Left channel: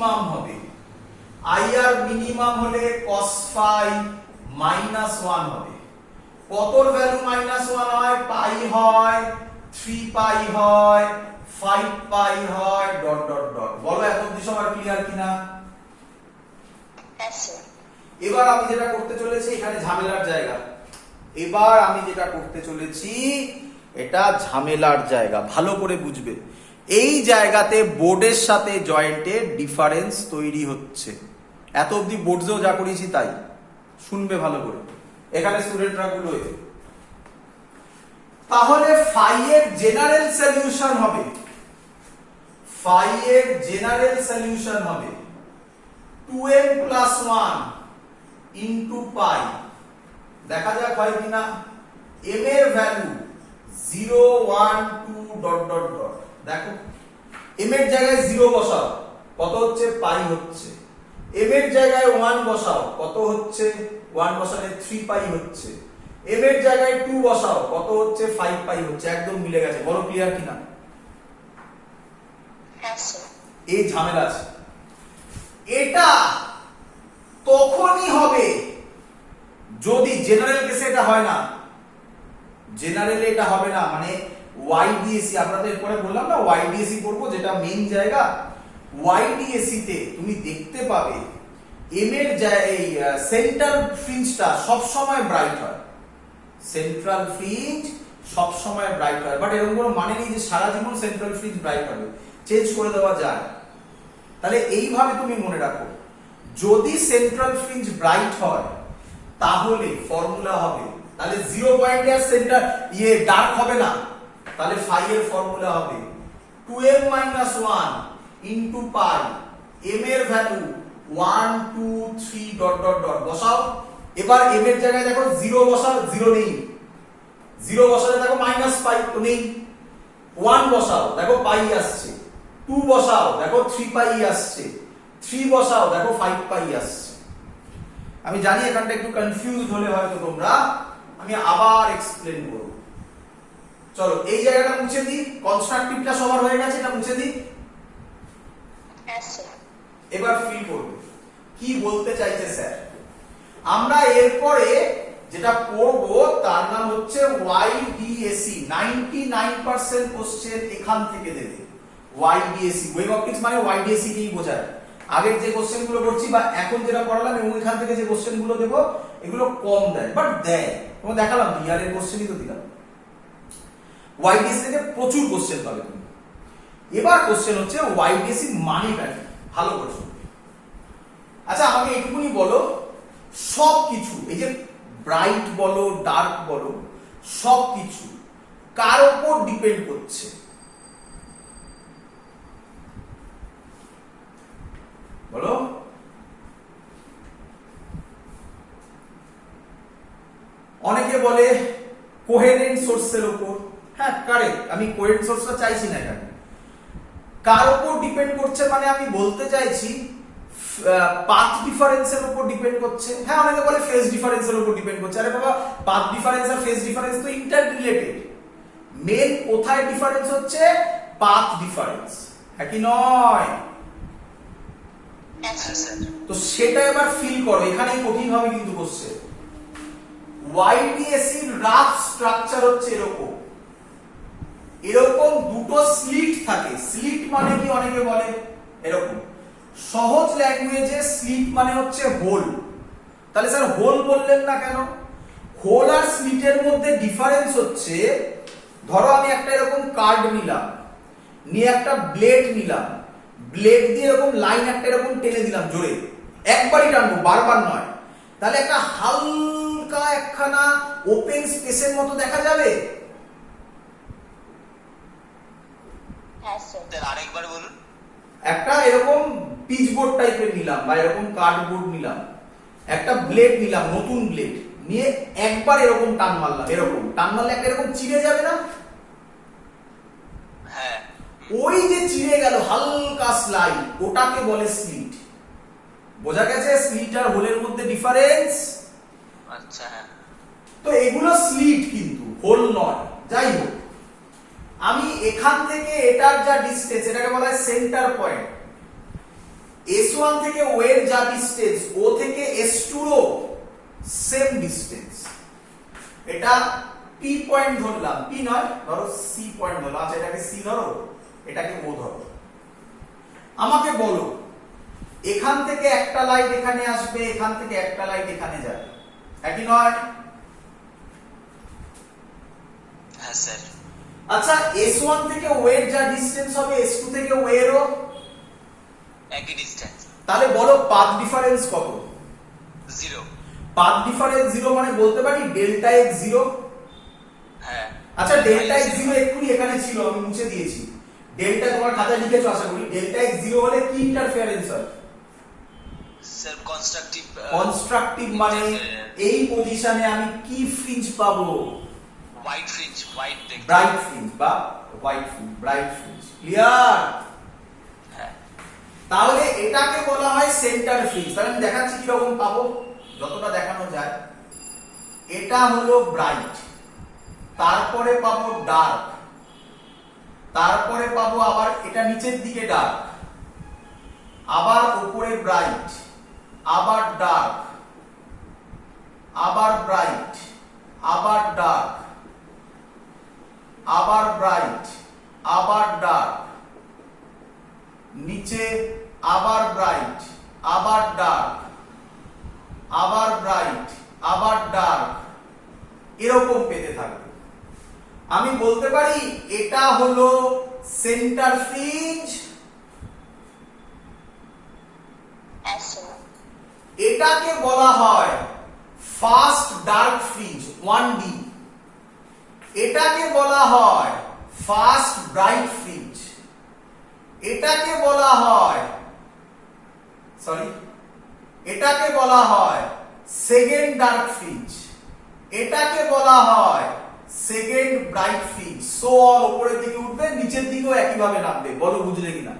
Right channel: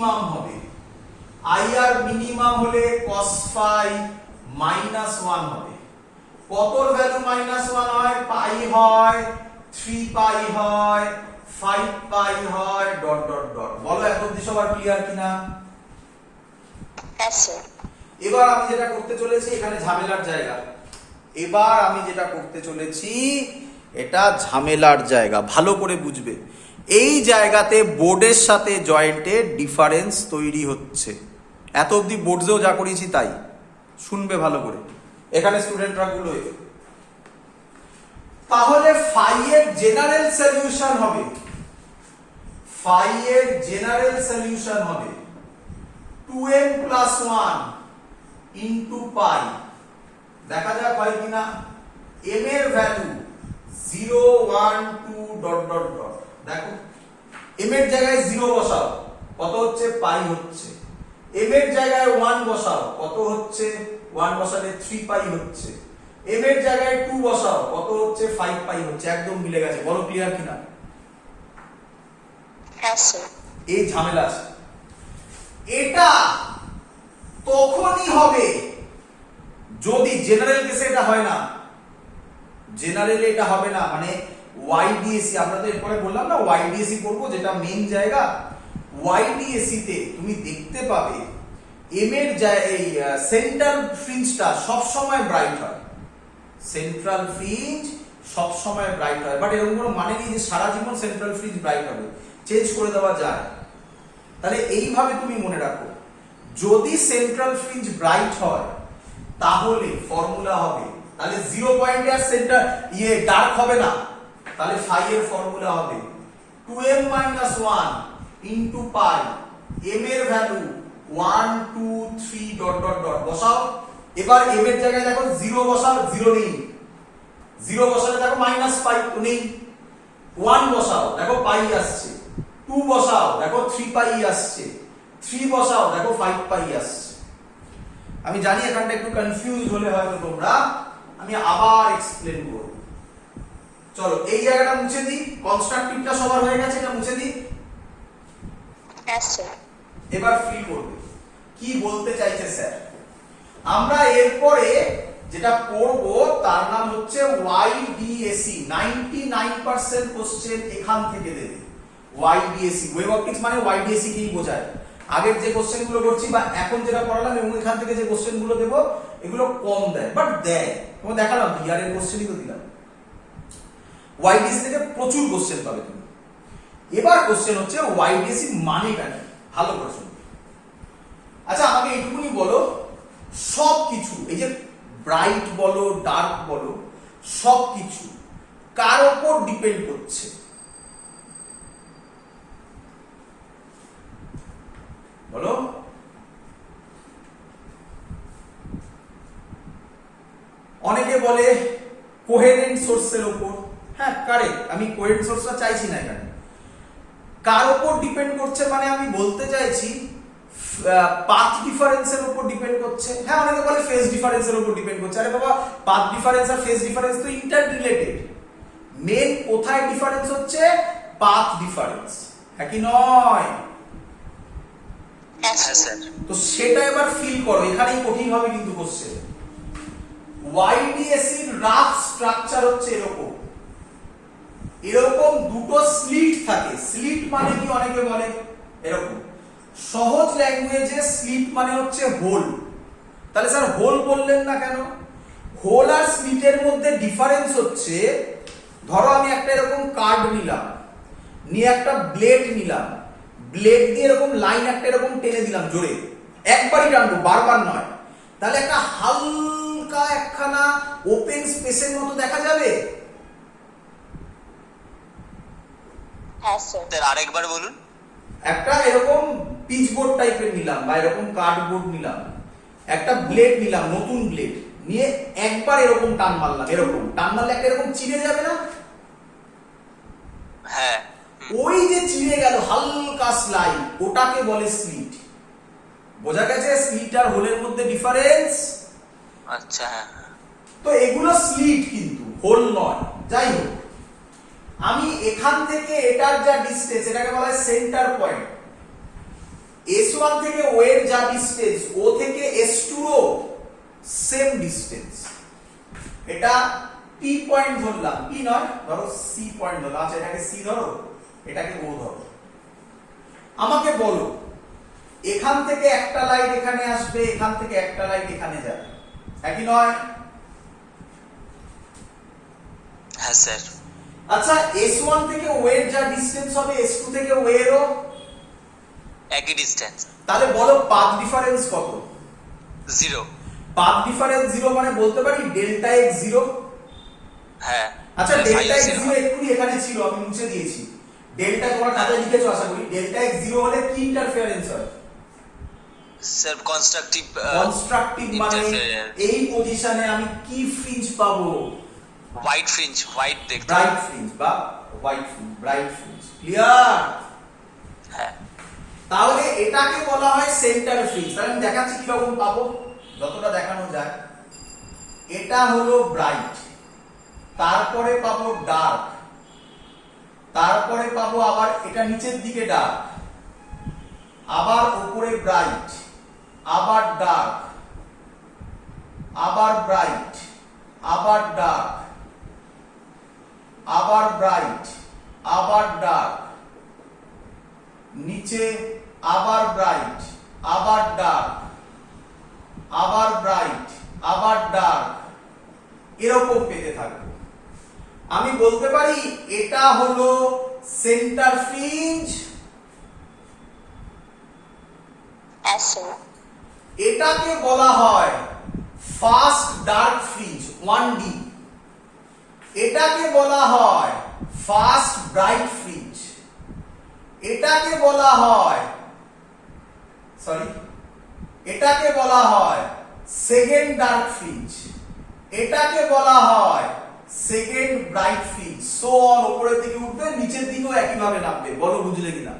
Minimum হবে, IR minimum হলে cos phi -1 হবে। কতর ভ্যালু -1 হয়? পাই হয়, 3 পাই হয়, 5 পাই হয়, ডট ডট ডট। বলো এখন অবধি সবার ক্লিয়ার কিনা? হ্যাঁ স্যার। এবার আমি যেটা করতে চলেছি, এখানে ঝামেলার জায়গা। এবার আমি যেটা করতে চলেছি এটা ঝামেলার জায়গা, ভালো করে বুঝবে। এই জায়গাতে বোর্ডের সাথে জয়েন্টের ডিফারেন্স তৈরি হচ্ছে। এত অবধি বোর্ডেও যা করেছি তাই শুনবে ভালো করে, এখানে স্টুডেন্টরা গুলো। তাহলে ফাই এর জেনারেল সলিউশন হবে, ফাই এর জেনারেল সলিউশন হবে 2m + 1 ইনটু পাই। দেখা যাক হয় কিনা। m এর ভ্যালু 0 1 2 ডট ডট ডট। দেখো m এর জায়গায় 0 বসাও, কত হচ্ছে? পাই হচ্ছে। m এর জায়গায় 1 বসাও, কত হচ্ছে? 1 বসালে 3 পাই হচ্ছে। m এর জায়গায় 2 বসাও, কত হচ্ছে? 5 পাই হচ্ছে। একদম মিলে গেছে, বলো ক্লিয়ার কিনা? হ্যাঁ স্যার। এই ঝামেলা আছে। এটা তখনই হবে যদি জেনারেল কেসে এটা হয় না, জেনারেলে এটা হবে না। মানে ওয়াইডিএসি, আমরা তো এরপরে বললাম না ওয়াইডিএসি করবো, যেটা মেইন জায়গা। ওয়াইডিএসি তে তুমি দেখতে পাবে এম এর এই সেন্টার ফ্রিঞ্জটা সব সময় ব্রাইট হয়, সেন্ট্রাল ফ্রিঞ্জ সব সময় ব্রাইট হয়। বাট এরকম কোনো মানে নেই যে সারা জীবন সেন্ট্রাল ফ্রিঞ্জ ব্রাইট হবে, চেঞ্জ করে দেওয়া যায়। তাহলে এইভাবে তুমি মনে রাখো, যদি সেন্ট্রাল ফ্রিঞ্জ ব্রাইট হয় তাহলে ফর্মুলা হবে, তাহলে 0 পয়েন্টে আর সেন্টার ডার্ক হবে না, তাহলে ফাই এর ফর্মুলা হবে 2m - 1 ইনটু পাই। m এর ভ্যালু 1 2 3 ডট ডট ডট বসাও। এবার m এর জায়গায় দেখো 0 বসাও, 0 নেই। 0 বসালে দেখো -পাই তো নেই। 1 বসাও, দেখো পাই আসছে। 2 বসাও, দেখো 3 পাই আসছে। 3 বসাও, দেখো 5 পাই আসছে। আমি জানি এখানটা একটু কনফিউজ হলে হয়তো তোমরা, আমি আবার এক্সপ্লেন করব। চলো এই জায়গাটা মুছে দিই, কনস্ট্রাকটিভটা সবার হয়ে গেছে, এটা মুছে দিই। হ্যাঁ স্যার। এবার ফিল করবে কি বলতে চাইছে স্যার। আমরা এরপরে যেটা পড়ব তার নাম হচ্ছে ওয়াইডিএসি। 99% কোশ্চেন এখান থেকে দেবে ওয়াইডিএসি। ওয়েভ অপটিক্স মানে ওয়াইডিএসি কেই বোঝায়। আগের যে কোশ্চেন গুলো করছি বা এখন যেটা পড়ালাম এবং এখান থেকে যে কোশ্চেন গুলো দেবো এগুলো কম দেয়, বাট দেয়। তোমাকে দেখালাম তো, ইয়ারের কোশ্চেনই তো দিলাম। ওয়াইডিএসি থেকে প্রচুর কোশ্চেন পাবে তুমি। এবার কোশ্চেন হচ্ছে ওয়াইডিএসি মানেটা কি, ভালো করে শুনবে। আচ্ছা আমাকে এইটুকুনি বলো, সবকিছু এই যে ব্রাইট বলো ডার্ক বলো সবকিছু কার উপর ডিপেন্ড করছে? বলো। অনেকে বলে কোহেরেন্ট সোর্সের উপর। হ্যাঁ কারেক্ট, আমি কোহেরেন্ট সোর্সটা চাইছি না এখানে। কার উপর ডিপেন্ড করছে মানে আমি বলতে চাইছি পাথ ডিফারেন্সের উপর ডিপেন্ড করছে। হ্যাঁ অনেকে বলে ফেজ ডিফারেন্সের উপর ডিপেন্ড করছে। আরে বাবা, পাথ ডিফারেন্স আর ফেজ ডিফারেন্স তো ইন্টার রিলেটেড। মেন কোথায় ডিফারেন্স হচ্ছে? পাথ ডিফারেন্স, হ্যাঁ কি নয়? তো সেটা এবার ফিল করো, এখানেই কঠিন হবে কিন্তু কোশ্চেন। ওয়াইডিএসি রাফ স্ট্রাকচার হচ্ছে এরকম, এরকম দুটো স্লিট থাকে। স্লিট মানে কি অনেকে বলে এরকম, সহজ ল্যাঙ্গুয়েজে স্লিট মানে হচ্ছে হোল। তাহলে স্যার হোল বললেন না কেন? হোল আর স্লিটের মধ্যে ডিফারেন্স হচ্ছে, ধরো আমি একটা এরকম কার্ড নিলাম, নিয়ে একটা ব্লেড নিলাম, ব্লেড দিয়ে এরকম লাইন একটা এরকম টেনে দিলাম জোরে, একবারই টানবো, বারবার নয়। তাহলে একটা হালকা একখানা ওপেন স্পেসের মতো দেখা যাবে। হ্যাঁ স্যার। আরেকবার বলুন। একটা এরকম পিচবোর্ড টাইপের নিলাম বা এরকম কার্ডবোর্ড নিলাম, একটা ব্লেড নিলাম, নতুন ব্লেড নিয়ে একবার এরকম টান মারলাম, এরকম টান মারলে একটা এরকম চিড়ে যাবে না? হ্যাঁ। ওই যে চিড়ে গেল হালকা স্লাইড, ওটাকে বলে স্লিট। বোঝা গেছে স্লিট আর হোলের মধ্যে ডিফারেন্স? আচ্ছা। তো এগুলো স্লিট কিন্তু হোল নয়। যাই হোক, আমি এখান থেকে এটার যা ডিসটেন্স এটাকে বলা হয় সেন্টার পয়েন্ট। S1 থেকে O এর যা ডিসটেন্স O থেকে S2 ও সেম ডিসটেন্স, এটা P পয়েন্ট ধরলাম, P নয় ধরো C পয়েন্ট ধরলাম, আচ্ছা এটাকে C ধরো, এটাকে O ধরো। আমাকে বলো এখান থেকে একটা লাইট এখানে আসবে, এখান থেকে একটা লাইট এখানে যাবে, একই নয়? হ্যাঁ স্যার। আচ্ছা S1 থেকে O এর যা ডিসটেন্স হবে S2 থেকে O এরও একই ডিসটেন্স। তাহলে বলো পাথ ডিফারেন্স কত? 0। পাথ ডিফারেন্স 0 মানে বলতে পারি ডেল্টা x 0। হ্যাঁ। আচ্ছা ডেল্টা x 0 এক্ষুনি এখানে ছিল, আমি মুছে দিয়েছি। ডেল্টা তোমার খাতায় লিখেছো আশা করি। ডেল্টা x 0 হলে কি ইন্টারফারেন্স হয়? Sir constructive. কনস্ট্রাকটিভ মানে এই পজিশনে আমি কি ফ্রিঞ্জ পাবো? হোয়াইট ফ্রিঞ্জ, হোয়াইট দেখতে। ব্রাইট ফ্রিঞ্জ বা white fringe, bright fringe. Clear? হ্যাঁ। তাহলে এটাকে বলা হয় সেন্টার ফ্রিঞ্জ। তাহলে আমি দেখাচ্ছি কি রকম পাবো, যতটা দেখানো যায়। এটা হলো ব্রাইট, তারপরে পাবো ডার্ক, তারপরে পাবো আবার এটা নিচের দিকে ডার্ক, আবার উপরে ব্রাইট, আবার ডার্ক, আবার ব্রাইট, আবার ডার্ক, আবার ব্রাইট, আবার ডার্ক, নিচে আবার ব্রাইট, আবার ডার্ক, আবার ব্রাইট, আবার ডার্ক, এরকম পেতে থাকবে। আমি বলতে পারি এটা হলো সেন্টার ফ্রিঞ্জ। এটাকে বলা হয় ফার্স্ট ডার্ক ফ্রিঞ্জ 1D, এটাকে বলা হয় ফার্স্ট ব্রাইট ফ্রিঞ্জ, এটাকে বলা হয় এটাকে বলা হয় সেকেন্ড ডার্ক ফ্রিঞ্জ, এটাকে বলা হয় second bright fringe. So all উপরের দিকে উঠবে, নিচের দিকেও একই ভাবে নামবে। বলো বুঝলে কিনা?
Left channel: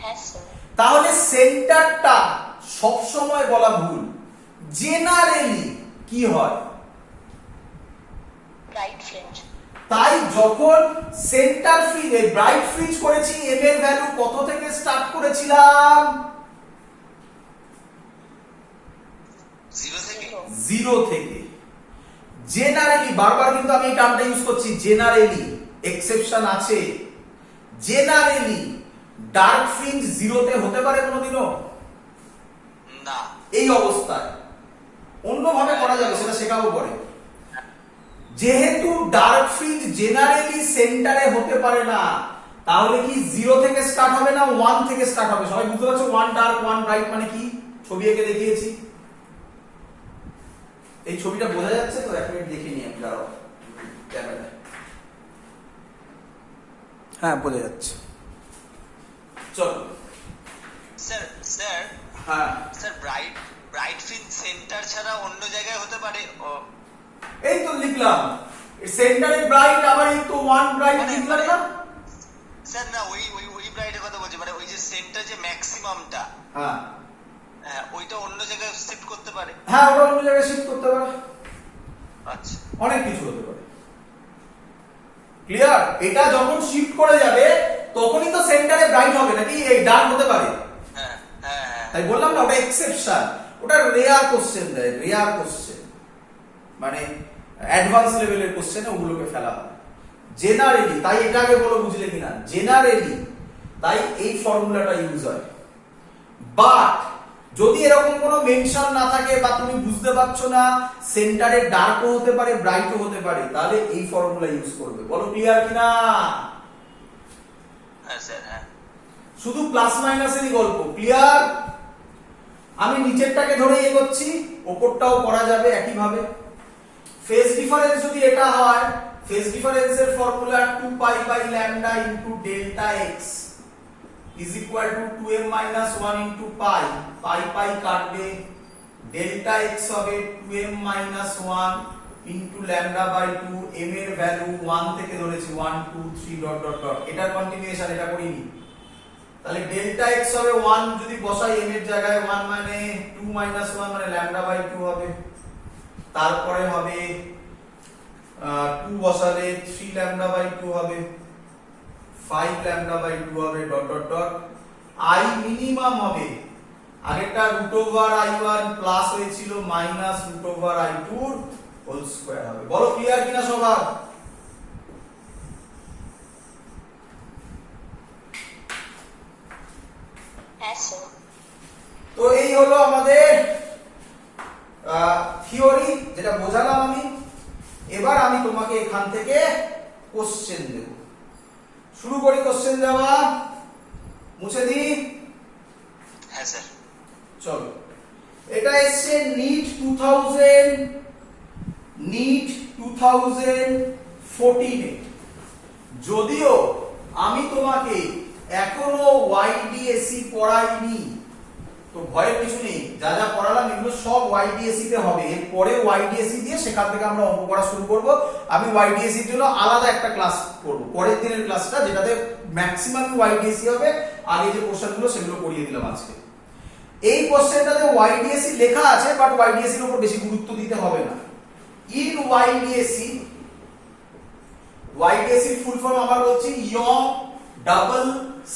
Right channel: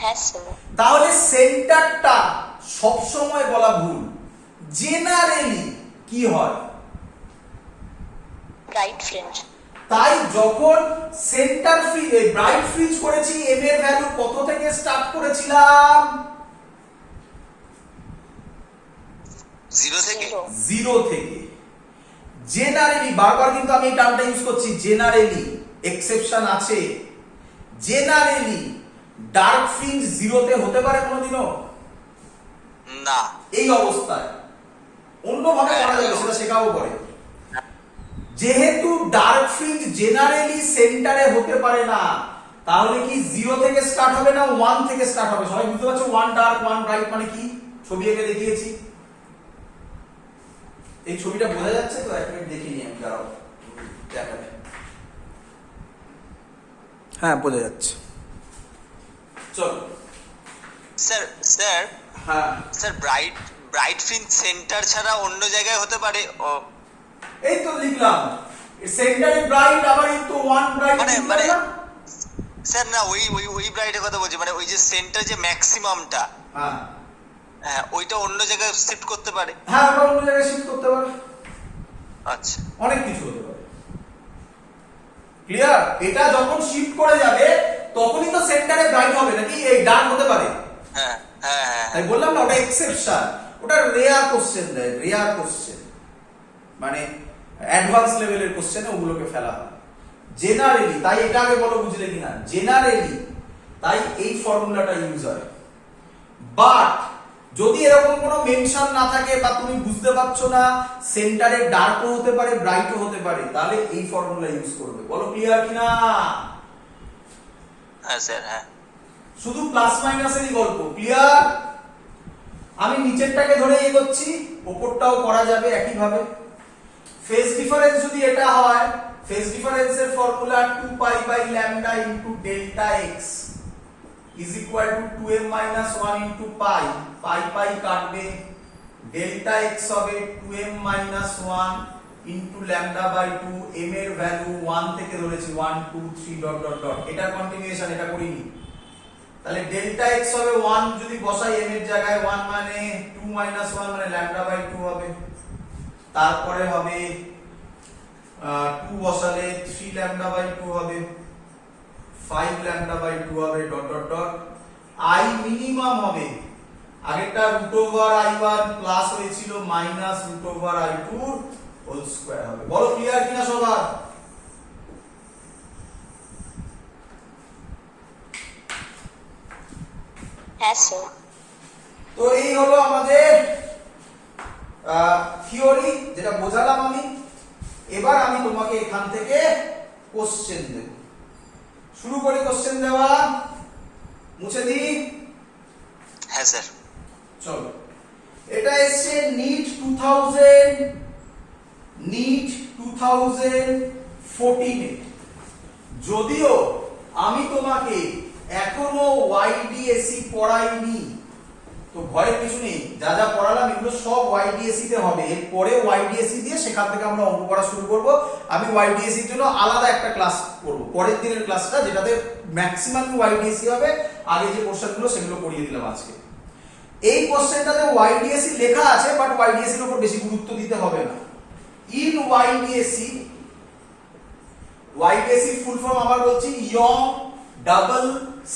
হ্যাঁ স্যার। তাহলে সেন্টারটা সব সময় বলা ভুল। জেনারেলি কি হয়? Bright fringe. তাই যখন সেন্টার ফ্রিঞ্জ ব্রাইট ফ্রিঞ্জ করেছি, এম এর ভ্যালু কত থেকে স্টার্ট করেছিলাম? 0 থেকে। 0 থেকে। জেনারেলি, বারবার কিন্তু আমি এই টার্মটা ইউজ করছি, জেনারেলি, এক্সেপশন আছে। জেনারেলি ডার্ক ফ্রিঞ্জ 0 তে হতে পারে কোনোদিনও না। এই অবস্থায় অন্যভাবে করা যাবে, সেটা শেখাবো পরে। যেহেতু ডার্ক ফ্রিঞ্জ জেনারেলি সেন্টারে হতে পারে না, তাহলে কি 0 থেকে স্টার্ট হবে না 1 থেকে স্টার্ট হবে? সবাই বুঝতে পারছো 1 ডার্ক 1 ব্রাইট মানে কি? ছবি এঁকে দেখিয়েছি। এই ছবিটা বোঝা যাচ্ছে তো? এক মিনিট দেখে নিই আমি, দাঁড়াও দেখা যায়। হ্যাঁ বোঝা যাচ্ছে, চলো। স্যার স্যার হ্যাঁ স্যার ব্রাইট ফ্রিঞ্জ সেন্টার ছাড়া অন্য জায়গায় হতে পারে? এই তো লিখলাম সেন্টারে ব্রাইট, আবার এই তো 1 ব্রাইট মানে স্যার না, ওই ব্রাইটের কথা বলছি, মানে ওই যে সেন্টার যে ম্যাক্সিমামটা, হ্যাঁ হ্যাঁ ওইটা অন্য জায়গায় শিফট করতে পারে। হ্যাঁ ওটা অন্য জায়গায় শিফট করতে পারে। আচ্ছা, অনেক কিছু হতে পারে। ক্লিয়ার? এটা যখন শিফট করে যাবে তখনই তো সেন্টারে ব্রাইট হবে, নাকি এই ডার্ক হতে পারে? হ্যাঁ হ্যাঁ হ্যাঁ। তাই বললাম না ওটা এক্সেপশন, ওটা রেয়ার কোশ্চেন দেয়, রেয়ার কোশ্চেন মানে অ্যাডভান্স লেভেলের কোশ্চেনে ওগুলোকে ফেলা হয়। জেনারেলি, তাই এটা আগে বলো বুঝলে কিনা? জেনারেলি তাই এই ফর্মুলাটা ইউজ হয়। বাট যদি এরকম কোনো মেনশন না থাকে বা তুমি বুঝতে পারছো না সেন্টারে ডার্কও হতে পারে ব্রাইটও হতে পারে, তাহলে এই ফর্মুলা ইউজ করবে। বলো ক্লিয়ার কিনা? হ্যাঁ স্যার। হ্যাঁ, শুধু প্লাস মাইনাসেরই গল্প। ক্লিয়ার? আমি নিচেরটাকে ধরে এগোচ্ছি, ওপরটাও করা যাবে একই ভাবে। ফেজ ডিফারেন্স যদি এটা হয়, ফেজ ডিফারেন্সের formula 2 pi by lambda into delta x is equal to 2m minus 1 into pi, pi pi কাটবে, ডেল্টা x হবে 2m minus 1 into lambda by 2, m এর ভ্যালু 1 থেকে ধরেছি 1 2 3 ডট ডট ডট, এটার কন্টিনিউয়েশন এটা করিনি। তাহলে ডেল্টা x হবে 1, যদি বসাই m এর জায়গায় 1 মানে 2 minus 1 মানে lambda by 2 হবে। তারপরে হবে 2 বসালে 3 lambda by 2 হবে, 5 lambda by 2 হবে, dot dot dot. I minimum হবে, আগেরটা √i1 প্লাস হয়েছিল মাইনাস √i2 হোল স্কয়ার হবে। বলো ক্লিয়ার কিনা সবার? হ্যাঁ স্যার। তো এই হলো আমাদের থিওরি, যেটা বোঝালাম আমি। এবার আমি তোমাকে এখান থেকে কোশ্চেন দেব। শুরু করি কোশ্চেন দেওয়া, মুছে দিই। হ্যাঁ স্যার। চলো, এটা এসছে নিট 2014 যদিও আমি তোমাকে এখনো ওয়াইডিএসি পড়াইনি, তো ভয়ের কিছু নেই, যা যা পড়ালাম এগুলো সব ওয়াইডিএসি তে হবে। এরপরে ওয়াইডিএসি দিয়ে সেখান থেকে আমরা অঙ্ক করা শুরু করব। আমি ওয়াইডিএসি এর জন্য আলাদা একটা ক্লাস করব, পরের দিনের ক্লাসটা, যেটাতে ম্যাক্সিমাম ওয়াইডিএসি হবে। আগে যে কোশ্চেনগুলো সেগুলো করিয়ে দিলাম আজকে। এই কোশ্চেনটাতে ওয়াইডিএসি লেখা আছে, বাট ওয়াইডিএসি এর উপর বেশি গুরুত্ব দিতে হবে না। ইন ওয়াইডিএসি, ওয়াইডিএসি ফুল ফর্ম আবার বলছি, young double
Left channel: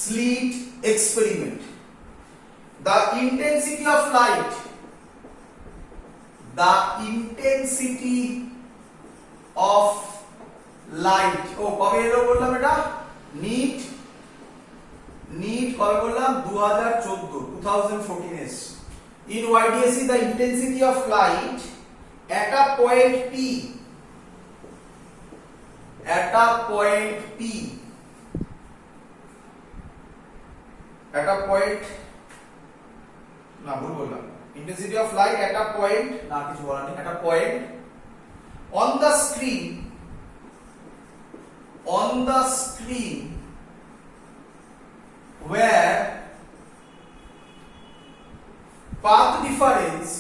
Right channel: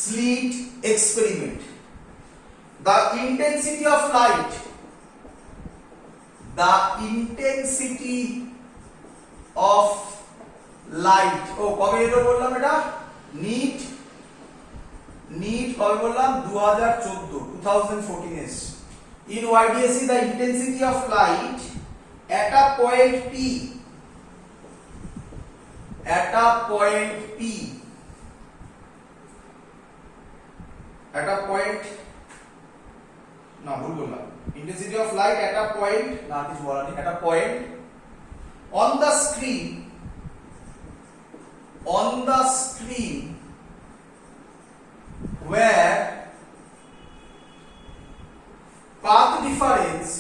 slit experiment. The intensity of light, the intensity of light, ও কবে এলো বললাম এটা? নিট কবে বললাম? 2014 S. In YDSC the intensity of light at a point P, at a point P, at a point, না ভুল বললাম, intensity of light at a point, না কিছু বলা নেই, at a point on the screen where path difference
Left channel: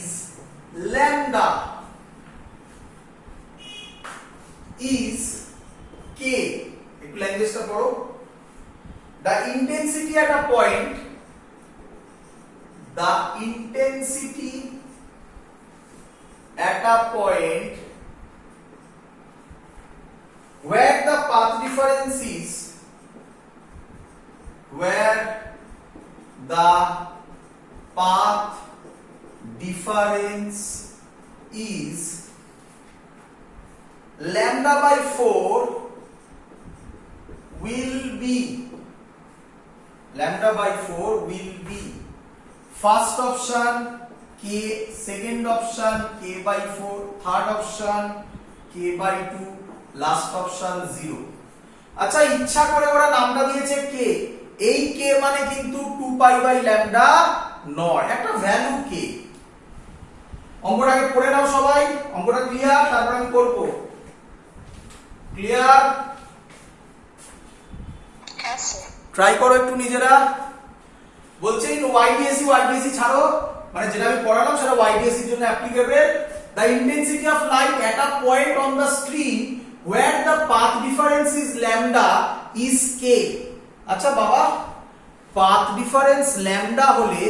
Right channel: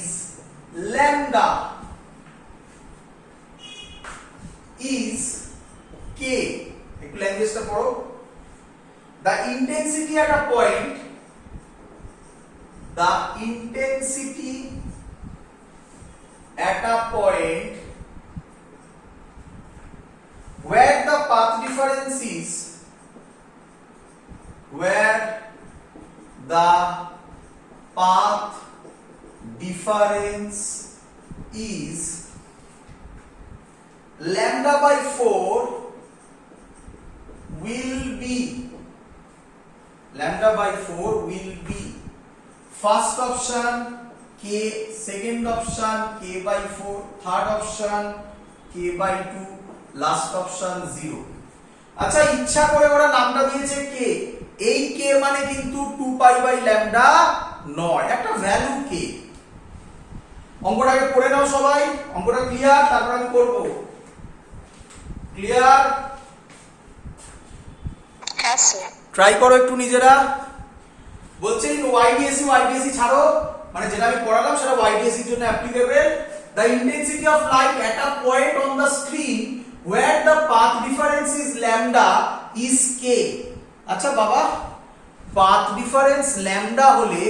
is lambda is k, একটু ল্যাঙ্গুয়েজটা পড়ো। The intensity at a point where the path difference is lambda by 4 will be first option k, second option k by 4, third option k by 2, last option 0। আচ্ছা, ইচ্ছা করে ওরা নামটা দিয়েছে k, এই k মানে কিন্তু 2 পাই বাই ল্যামডা নয়, একটা ভ্যালু k। অঙ্কটাকে পড়ে নাও সবাই, অঙ্কটা ক্লিয়ার, তারপর আমি করব। ক্লিয়ার? হ্যাঁ স্যার। ট্রাই করো একটু নিজেরা। বলছে ওয়াইডিএসি ছাড়ো, মানে যেটা আমি পড়ালাম সেটা ওয়াইডিএসি এর জন্য applicable. The intensity of light at a point on the screen where the path difference is lambda is k। আচ্ছা বাবা, পাথ ডিফারেন্স ল্যামডা হলে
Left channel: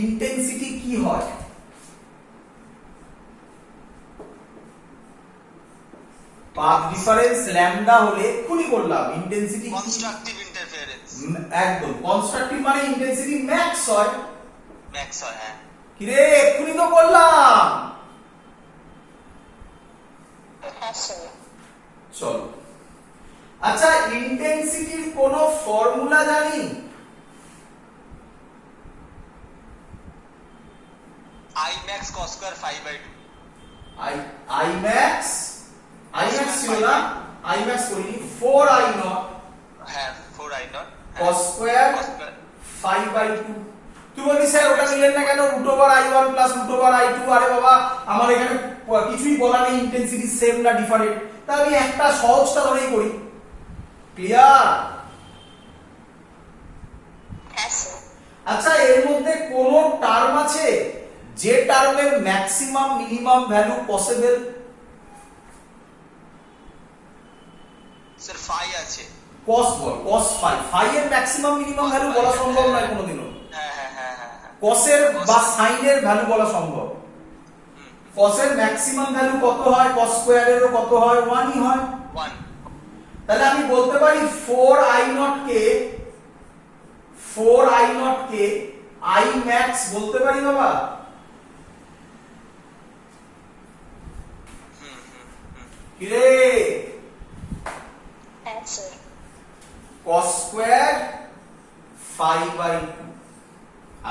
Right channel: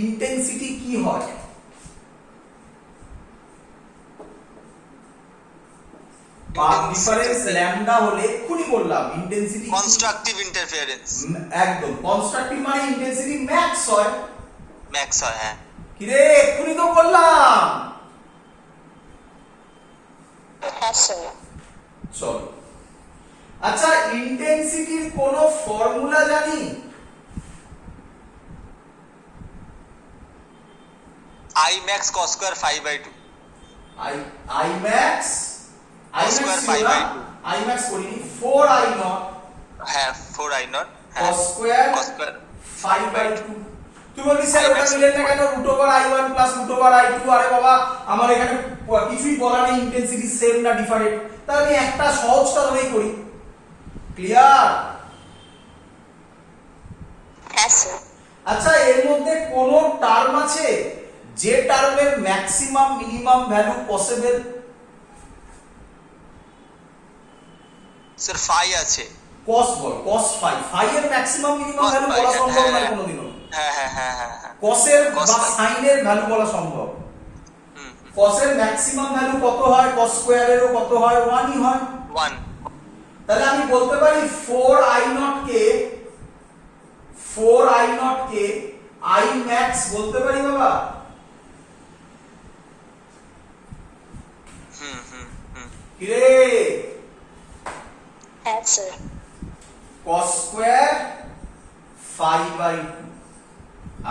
ইন্টেন্সিটি কি হয়? পাথ ডিফারেন্স ল্যামডা হলে এক্ষুনি বললাম ইন্টেন্সিটি কনস্ট্রাকটিভ ইন্টারফারেন্স। একদম, কনস্ট্রাকটিভ মানে ইন্টেন্সিটি ম্যাক্স হয়। ম্যাক্স হয়, হ্যাঁ। কি রে, এক্ষুনি তো বললাম। হ্যাঁ স্যার। চলো, আচ্ছা ইন্টেন্সিটির কোন ফর্মুলা জানি? I max cos square 5/2। I max ছিল না, I max করিনি, 4i naught, হ্যাঁ 4i naught cos square 5/2। তুই বলবি স্যার ওটা নিলেন না কেন, √i1 প্লাস √i2? আরে বাবা, আমার এখানে কিছুই বলা নেই ইন্টেন্সিটি সেম না ডিফারেন্ট, তাহলে আমি একটা সহজটা ধরেই করি। ক্লিয়ার? হ্যাঁ স্যার। আচ্ছা, এর মধ্যে কোন টার্ম আছে যে টার্মের maximum minimum value possible? Sir phi আছে। cos বল, cos phi, phi এর ম্যাক্সিমাম মিনিমাম ভ্যালু বলা সম্ভব নয় কোনোদিনও। হ্যাঁ। cos এর বা sin এর ভ্যালু বলা সম্ভব। cos এর ম্যাক্সিমাম ভ্যালু কত হয়, cos স্কয়ারেরও কত হয়, 1 ই হয়। 1 তাহলে আমি বলতে পারি 4i0 কে I max বলতে পারি বাবা। কি রে? Yes, sir. cos square 5/2।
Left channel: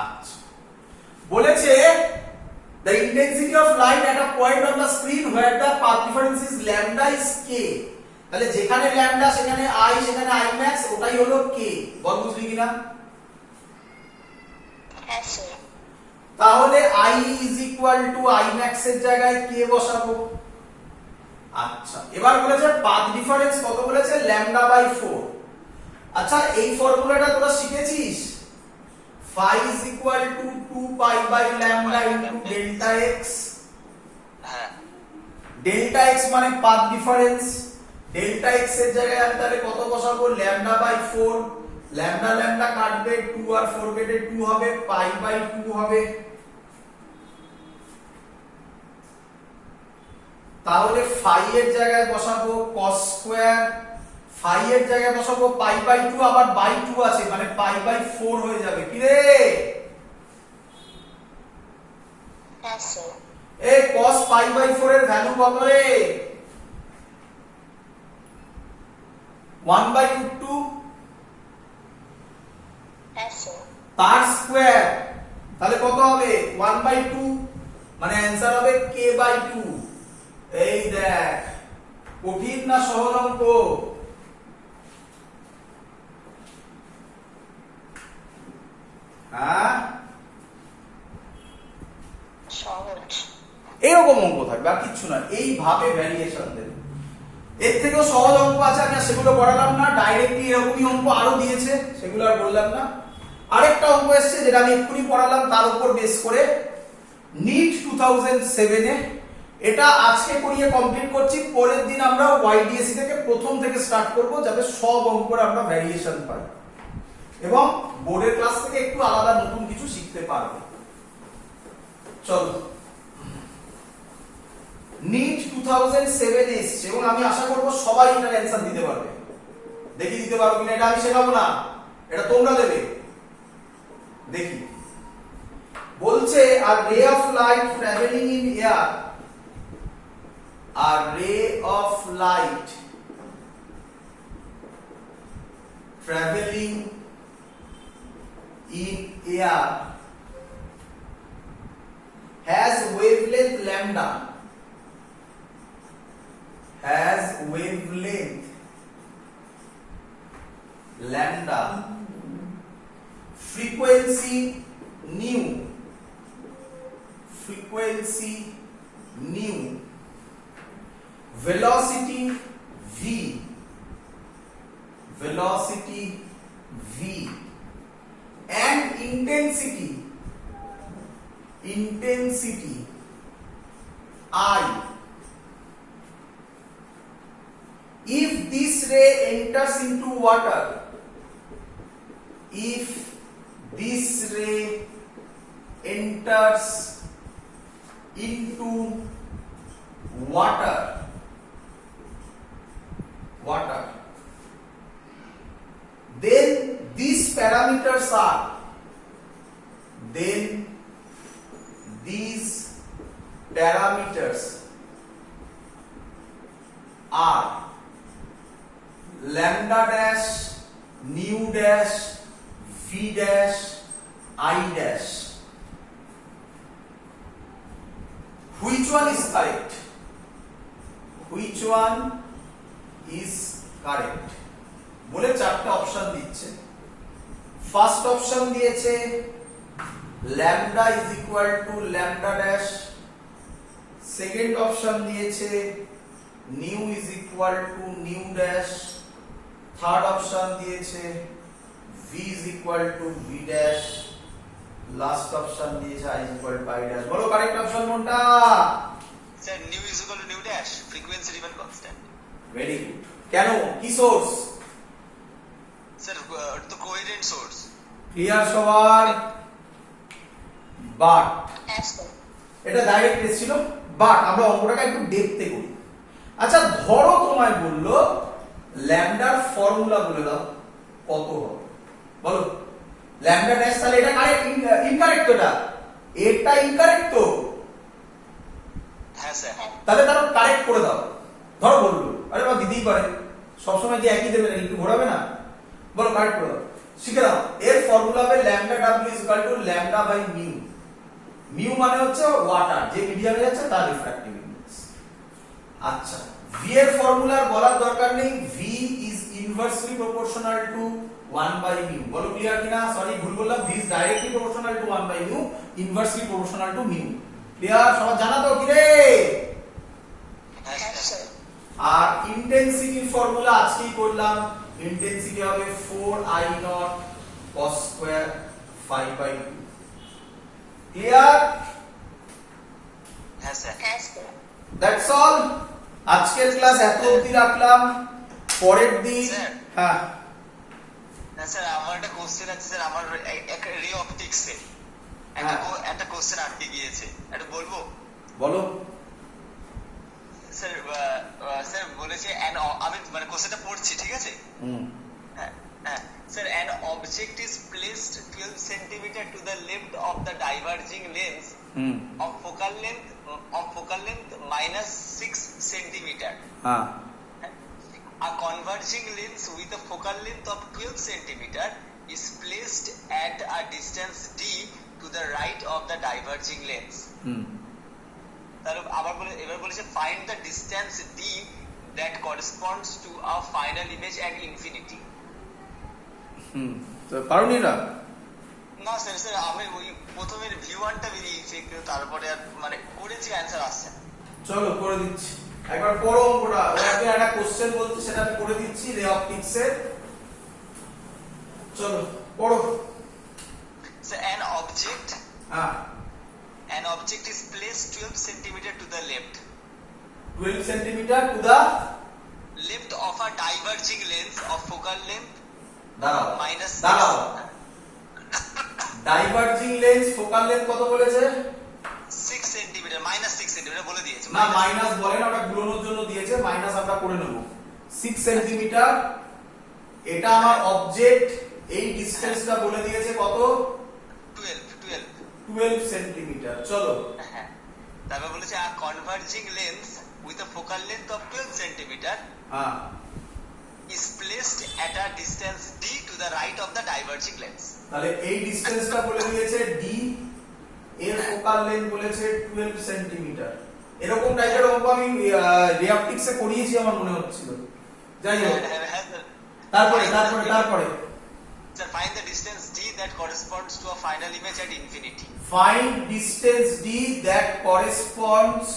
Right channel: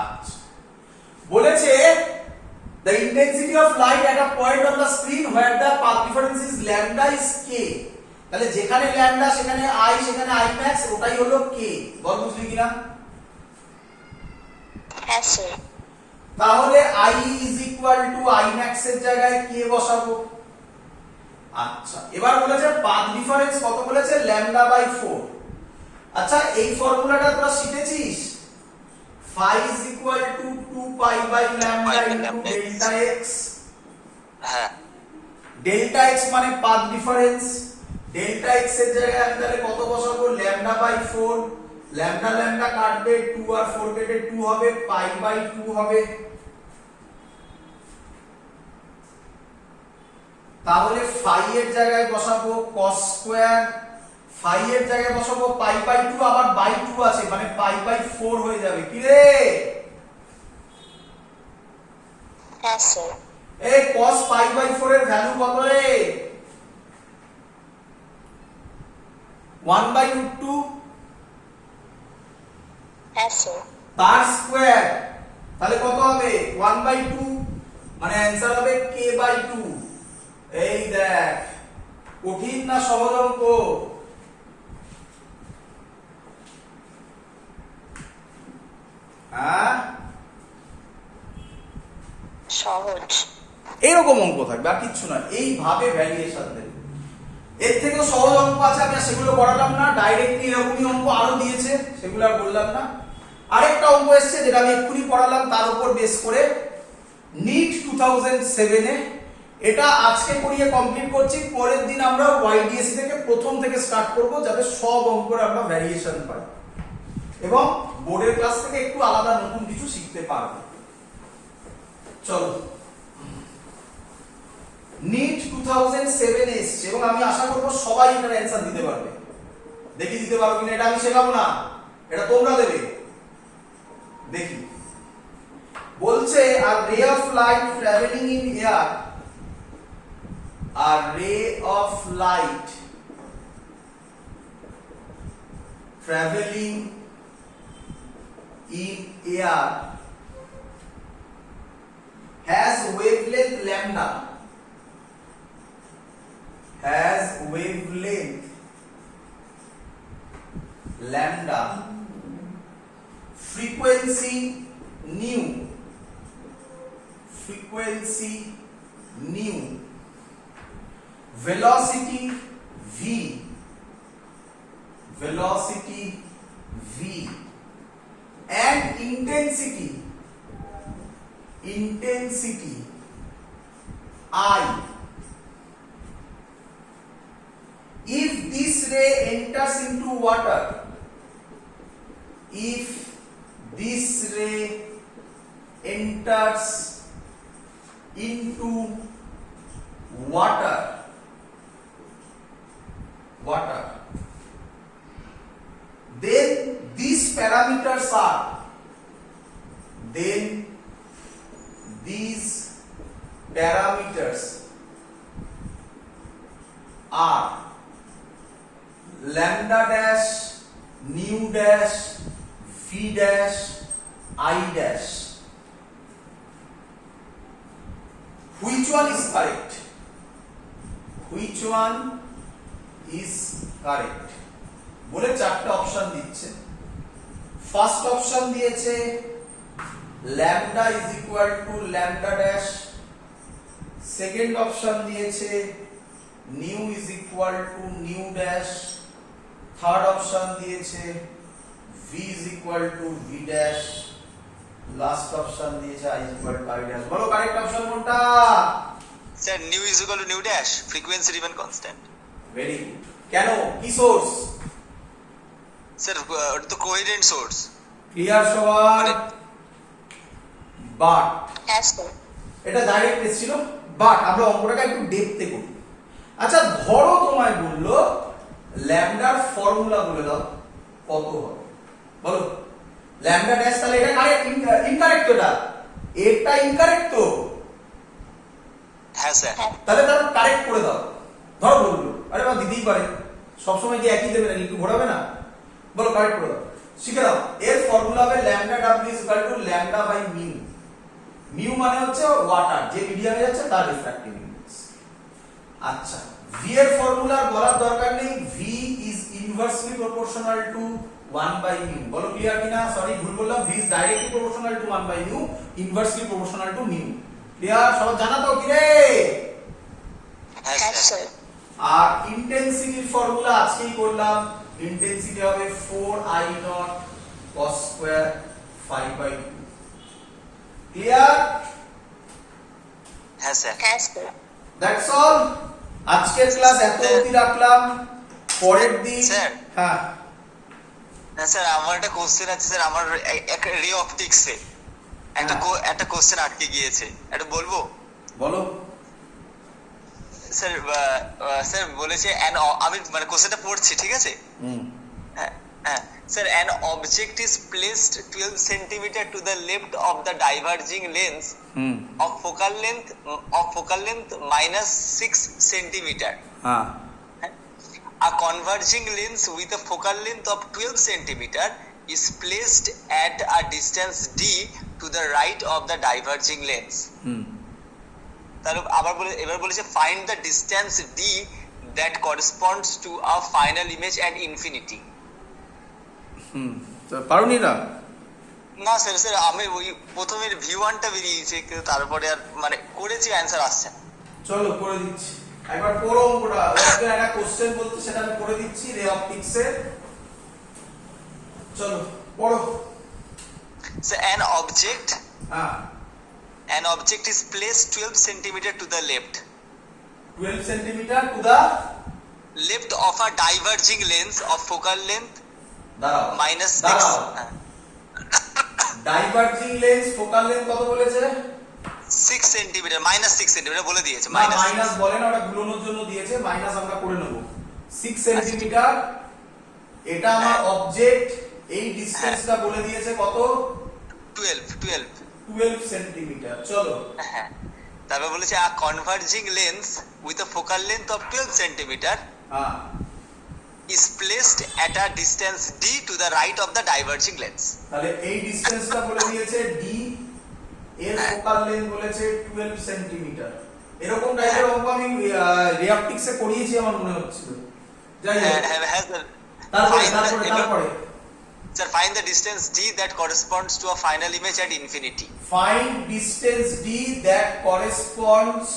আচ্ছা, বলেছে the intensity of light at a point on the screen where the path difference is lambda is k। তাহলে যেখানে ল্যামডা সেখানে I, সেখানে I max, ওটাই হলো k। বল বুঝলি কিনা? Yes, sir. তাহলে I is equal to I max এর জায়গায় k বসাবো। আচ্ছা, এবার বলেছে পাথ ডিফারেন্স কত বলেছে, ল্যামডা বাই 4। আচ্ছা, এই ফর্মুলাটা তোরা শিখেছিস, phi is equal to 2 pi by lambda into delta x। হ্যাঁ ডেল্টা x মানে পাথ ডিফারেন্স, ডেল্টা x এর জায়গায় আমি তাহলে কত বসাবো, ল্যামডা বাই 4। ল্যামডা ল্যামডা কাটবে, 2 আর 4 কেটে 2 হবে, পাই বাই 2 হবে। তাহলে phi এর জায়গায় বসাবো cos স্কয়ার, phi এর জায়গায় বসাবো পাই বাই 2, আবার বাই 2 আছে মানে পাই বাই 4 হয়ে যাবে। কি রে? Yes, sir. এই cos পাই বাই 4 এর ভ্যালু কত রে? 1/2 Yes, sir. তার স্কয়ার, তাহলে কত হবে, 1/2 মানে অ্যানসার হবে k/2। এই দেখ, কঠিন না সহজ অঙ্ক? হ্যাঁ, সহজ। এরকম অঙ্ক থাকবে আর কিচ্ছু না, এইভাবে ভ্যারিয়েশন দেবে। এর থেকেও সহজ অঙ্ক আছে, আমি আর সেগুলো করালাম না, ডাইরেক্টলি এরকমই অঙ্ক আরো দিয়েছে, সেগুলো আর বললাম না। আরেকটা অঙ্ক এসেছে যেটা আমি এক্ষুনি পড়ালাম, তার উপর বেস করে নিট 2007 এ, এটা আজকে করিয়ে কমপ্লিট করছি, পরের দিন আমরা ওয়াইডিএসি থেকে প্রথম থেকে স্টার্ট করব, যাতে সব অঙ্কের আমরা ভ্যারিয়েশন পাই এবং বোর্ডের ক্লাস থেকে একটু আলাদা নতুন কিছু শিখতে পারবো। চলো, নিট 2007 এসছে এবং আমি আশা করব সবাই এটার অ্যানসার দিতে পারবে। দেখি দিতে পারো কিনা, এটা আমি শেখাবো না, এটা তোমরা দেবে। দেখি, বলছে a ray of light traveling in air, a ray of light traveling in air has wavelength lambda, has wavelength lambda, frequency nu, frequency nu, velocity v, velocity v, and intensity, intensity I. If this ray enters into water, if this ray enters into water, then these parameters are, then these parameters are lambda dash, nu dash, v dash, I dash. Which one is correct? Which one is correct? বলে চারটা option দিচ্ছে। First option দিয়েছে lambda is equal to lambda dash, second option দিয়েছে nu is equal to nu dash, third option দিয়েছে v is equal to v dash, last option দিয়েছে I is equal to I dash। বলো correct option কোনটা? Sir new is equal two new dash, frequency remain constant. Very good. কেন, কি source? Sir ওটা তো coherent source. Clear সবার? But Yes, sir. এটা direct এসেছিল, বাট আমরা অঙ্কটাকে একটু ডেপথে করি। আচ্ছা ধরো তোমায় বললো ল্যামডার ফর্মুলা বলে দাও কত হবে, বলো ল্যামডা ড্যাশ, তাহলে এটা কারেক্ট ইনকারেক্ট, এটা ইনকারেক্ট তো, হ্যাঁ স্যার। তাহলে তার কারেক্ট করে দাও। ধরো বললো, আরে বা দিতেই পারে, সবসময় কি একই দেবে নাকি, একটু ঘোরাবে না, বলো কারেক্ট করে দাও, শিখে দাও। এর ফর্মুলা হবে lambda W is equal to lambda by mu. Mu মানে হচ্ছে ওয়াটার, যে মিডিয়ামে যাচ্ছে তার রিফ্র্যাক্টিভ ইনডেক্স। আচ্ছা ভি এর ফর্মুলা বলার দরকার নেই, V is inversely proportional to 1 by mu. বলো ক্লিয়ার কিনা, সরি ভুল বললাম, V is directly proportional to 1 by mu, inversely proportional to mu. Clear, সবাই জানা তো কি রে? হ্যাঁ হ্যাঁ স্যার। স্যার আর ইন্টেন্সিটির ফর্মুলা আজকেই করলাম, ইন্টেন্সিটি হবে 4i not cos square 5/2। Clear? হ্যাঁ স্যার। হ্যাঁ স্যার দ্যাটস অল। আজকের ক্লাস এত অবধি রাখলাম, পরের দিন স্যার। হ্যাঁ হ্যাঁ স্যার, আমার একটা কোশ্চেন আছে স্যার, আমার একটা রে অপটিক্সে একটা কোশ্চেন আটকে গিয়েছে, এটা বলবো? বলো। স্যার স্যার বলেছে আমি মানে কোশ্চেনটা পড়ছি, ঠিক আছে? হ্যাঁ হ্যাঁ sir, an object is placed 12 centimeter to the left of the diverging lens of focal length minus 6 centimeter. হ্যাঁ A converging lens with a focal length of 12 centimeter is placed at a distance d to the right of the diverging lens. তাহলে এবার বলেছে find the distance d that corresponds to a final image at infinity. তো পারোনি না? না sir, sir আমি ওই প্রথমের V1টা বেরিয়েছে, কিন্তু তারপরে আর মানে করেছি, অ্যান্সার আসছে না। চলো করে দিচ্ছি, একবার পড়ো অঙ্কটা। ওটাকে একটা কোশ্চেন বলতে সেটা আমি করে দিচ্ছি রে অপটিক্সে। চলো পড়ো। So হ্যাঁ an object is placed 12 centimeter to the left 12 centimetre to the of a diverging lens of focal length দাঁড়াও minus 6. দাঁড়াও, ডাইভার্জিং লেন্স ফোকাল লেন্থ কত বলেছে? 6 সেন্টিমিটার, মাইনাস 6 সেন্টিমিটার বলে দিয়েছে। না মাইনাস বলে না, ওটা গুলোনোর জন্য দিয়েছে, মাইনাস আমরা করে নেব। 6 সেন্টিমিটার, এটা আমার অবজেক্ট, এই ডিসটেন্সটা বলে দিয়েছে কত? 12 সেন্টিমিটার। চলো হ্যাঁ, তারপর বলেছে a converging lens with a focal length of 12 centimeter হ্যাঁ is placed at a distance d to the right of the diverging lens. তাহলে এই ডিসটেন্সটা বলে দিয়েছে d, এর ফোকাল লেন্থ বলেছে 12 সেন্টিমিটার। এরকম টাইপের অঙ্ক আমি রিঅপটিক্সে করিয়েছি আমার মনে হচ্ছিল। যাই হোক, হ্যাঁ স্যার। তারপরে Sir, find the distance d that corresponds to a final image at infinity. find distance d that corresponds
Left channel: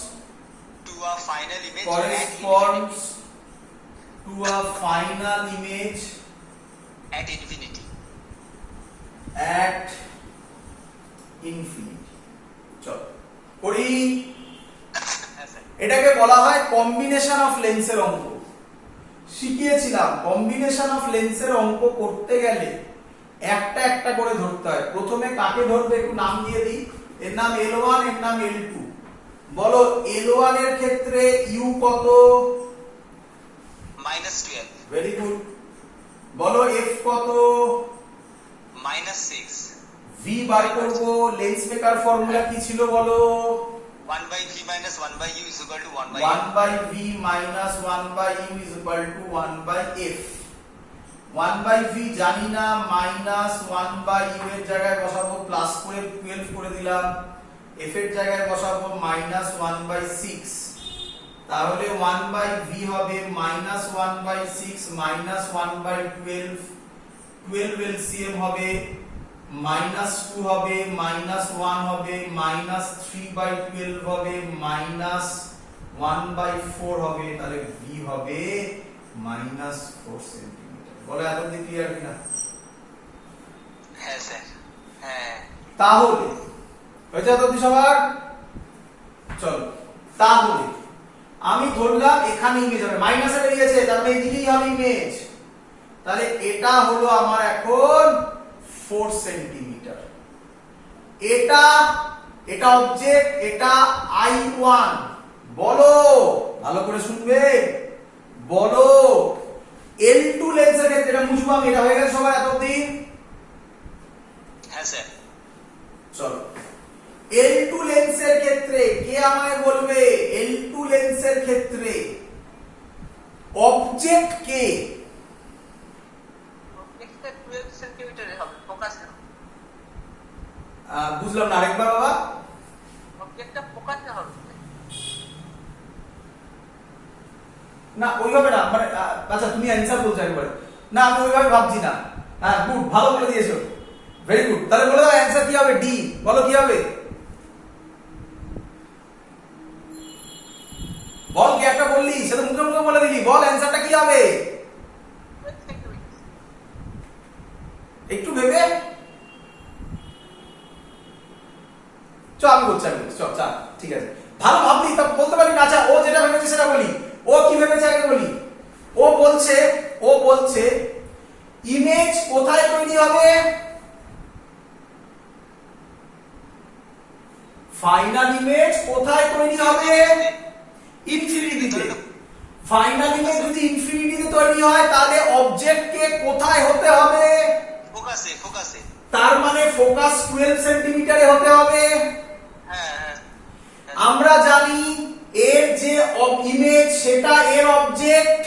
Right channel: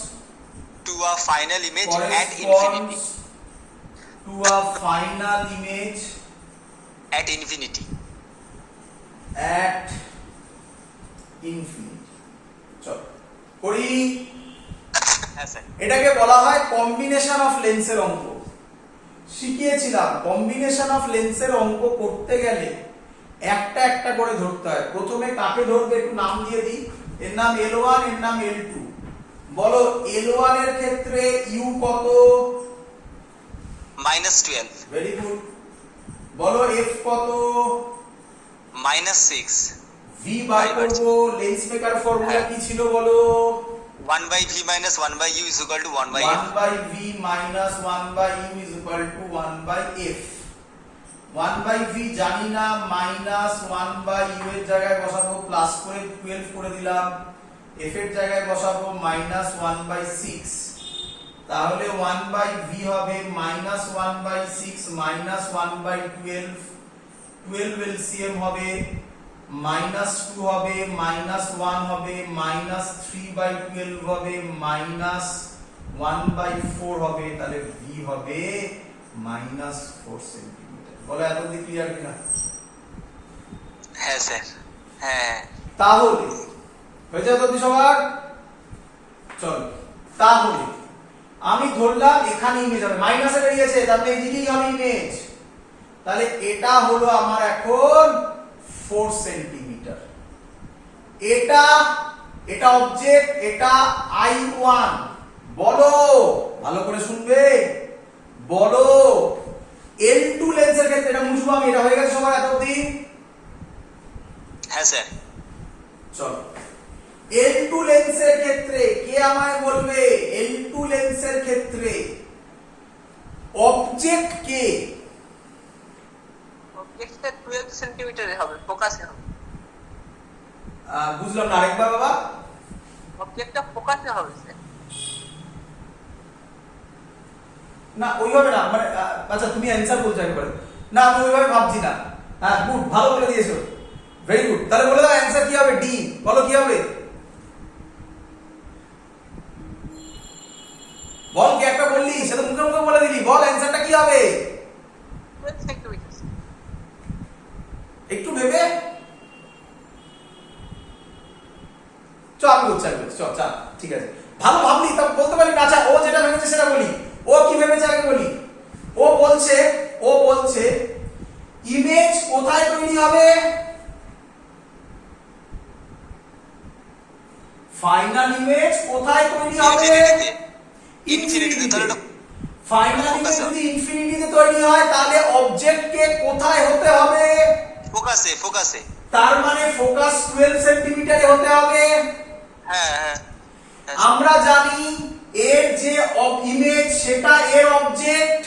To a final image at infinity. to a final image At infinity. at infinity। চলো করি। হ্যাঁ sir. এটাকে বলা হয় combination of লেন্সের অঙ্ক। শিখিয়েছিলাম combination of লেন্সের অঙ্ক করতে গেলে একটা একটা করে ধরতে হয়। প্রথমে কাকে ধরবে একটু নাম দিয়ে দিই, এর নাম L1, এর নাম L2। বলো L1 এর ক্ষেত্রে u কত? -12. Very good. বলো f কত? -6. v বার করব, লেন্স মেকার ফর্মুলা কি ছিল বলো? 1/v minus 1/u is equal to 1/f. 1/v minus 1/u is equal to 1/f। 1/v জানি না, মাইনাস 1/u এর জায়গায় বসাবো প্লাস করে 12 করে দিলাম, f এর জায়গায় বসাবো মাইনাস 1/6। তাহলে 1/v হবে মাইনাস 1/6 মাইনাস 1/12, 12 এলসিএম হবে, -2 হবে, -1 হবে, -3/12 হবে, -1/4 হবে, তাহলে v হবে -4 সেন্টিমিটার। বলে এতদিন ক্লিয়ার কিনা? হ্যাঁ স্যার। হ্যাঁ। তাহলে হয়েছে এতদিন সবার? চলো তাহলে আমি ধরলাম এখানে ইমেজ হবে, মাইনাসে বেরিয়েছে, তার মানে এদিকেই হবে ইমেজ। তাহলে এটা হলো আমার এখন 4 সেন্টিমিটার, এটা এটা অবজেক্ট, এটা I1। বলো, ভালো করে শুনবে, বলো L2 লেন্সের ক্ষেত্রে, এটা মুছবো আমি, এটা হয়ে গেছে সবার এত অবধি? হ্যাঁ স্যার। চলো, L2 লেন্সের ক্ষেত্রে কে আমায় বলবে, L2 লেন্সের ক্ষেত্রে অবজেক্ট কে? অবজেক্টটা 12 সেন্টিমিটারে হবে, ফোকাসে হবে। বুঝলাম না, আরেকবার বাবা। অবজেক্টটা ফোকাসে হবে স্যার। না ওইভাবে না, মানে আচ্ছা তুমি অ্যান্সার বলছো একবারে। না আমি ওইভাবে ভাবছি না। হ্যাঁ গুড, ভালো বলে দিয়েছো, ভেরি গুড। তাহলে বলে দাও অ্যান্সার কি হবে, ডি। বলো কি হবে, বল, কি একটা বললি সেটা মুখে মুখে বলে দিলি, বল অ্যান্সারটা কি হবে? 12 সেন্টিমিটার। একটু ভেবে চ, আমি বলছি চ, চল ঠিক আছে, ভালো ভাবলি তা বলতে পারি না। আচ্ছা ও যেটা ভেবেছে সেটা বলি, ও কি ভেবেছে আগে বলি। ও বলছে ইমেজ কোথায় তৈরি হবে, ফাইনাল ইমেজ কোথায় তৈরি হবে, ইনফিনিটিতে। ফাইনাল ইমেজ যদি ইনফিনিটিতে তৈরি হয় তাহলে অবজেক্টকে কোথায় হতে হবে, ফোকাসে, ফোকাসে। তার মানে ফোকাস 12 সেন্টিমিটারে হতে হবে। হ্যাঁ হ্যাঁ। আমরা জানি এর যে ইমেজ সেটা এর অবজেক্ট,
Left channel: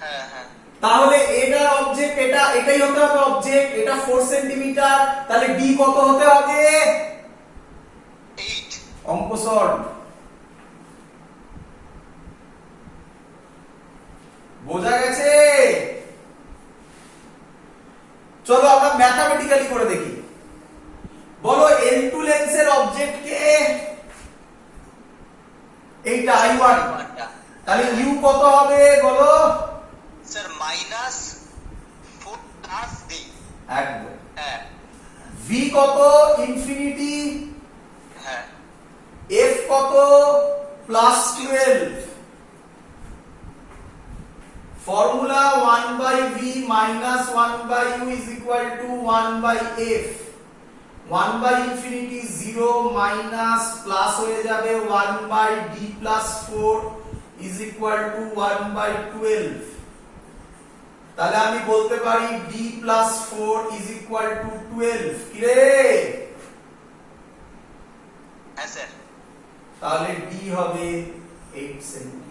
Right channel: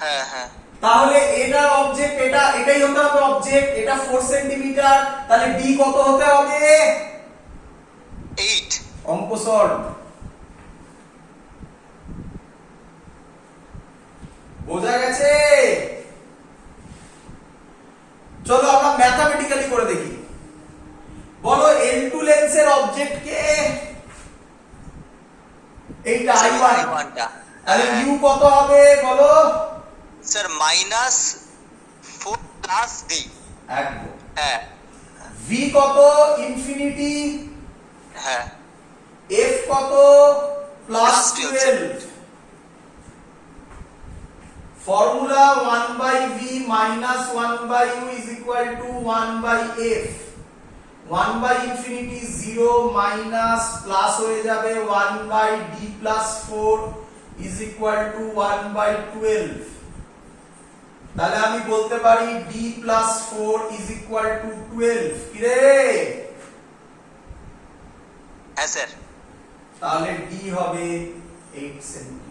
হ্যাঁ হ্যাঁ। তাহলে এটার অবজেক্ট এটাই হতে হবে অবজেক্ট, এটা 4 সেন্টিমিটার, তাহলে ডি কত হতে হবে, 8। অঙ্ক সল্ভ। বোঝা গেছে? চলো আমরা ম্যাথমেটিক্যালি করে দেখি। বলো L2 লেন্সের অবজেক্ট কে, এইটা I1, তাহলে ইউ কত হবে বলো? Sir -4 plus D. একদম। হ্যাঁ ভি কত, ইনফিনিটি, হ্যাঁ। এফ কত, plus 12। Formula 1/v minus 1/u is equal to 1/f। 1/infinity 0 minus plus হয়ে যাবে 1/d plus 4 is equal to 1/12। তাহলে আমি বলতে পারি d plus 4 is equal to 12। কি রে? হ্যাঁ স্যার। তাহলে d হবে 8 সেন্টিমিটার।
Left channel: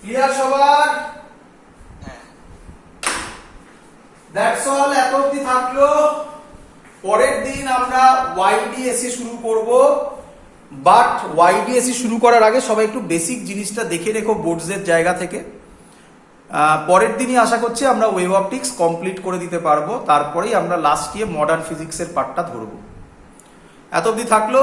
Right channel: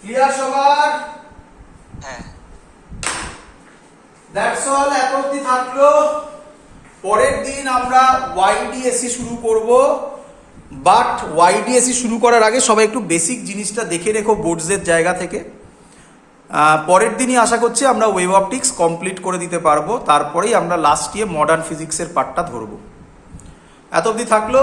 ক্লিয়ার সবার? হ্যাঁ। দ্যাটস অল, এত অবধি থাকলো। পরের দিন আমরা YDSC শুরু করব, বাট YDSC শুরু করার আগে সবাই একটু বেসিক জিনিসটা দেখে রেখো বোর্ডসের জায়গা থেকে। পরের দিনই আশা করছি আমরা ওয়েভ অপটিক্স কমপ্লিট করে দিতে পারবো, তারপরেই আমরা লাস্ট ইয়ে মডার্ন ফিজিক্সের পার্টটা ধরবো। এত অবধি থাকলো।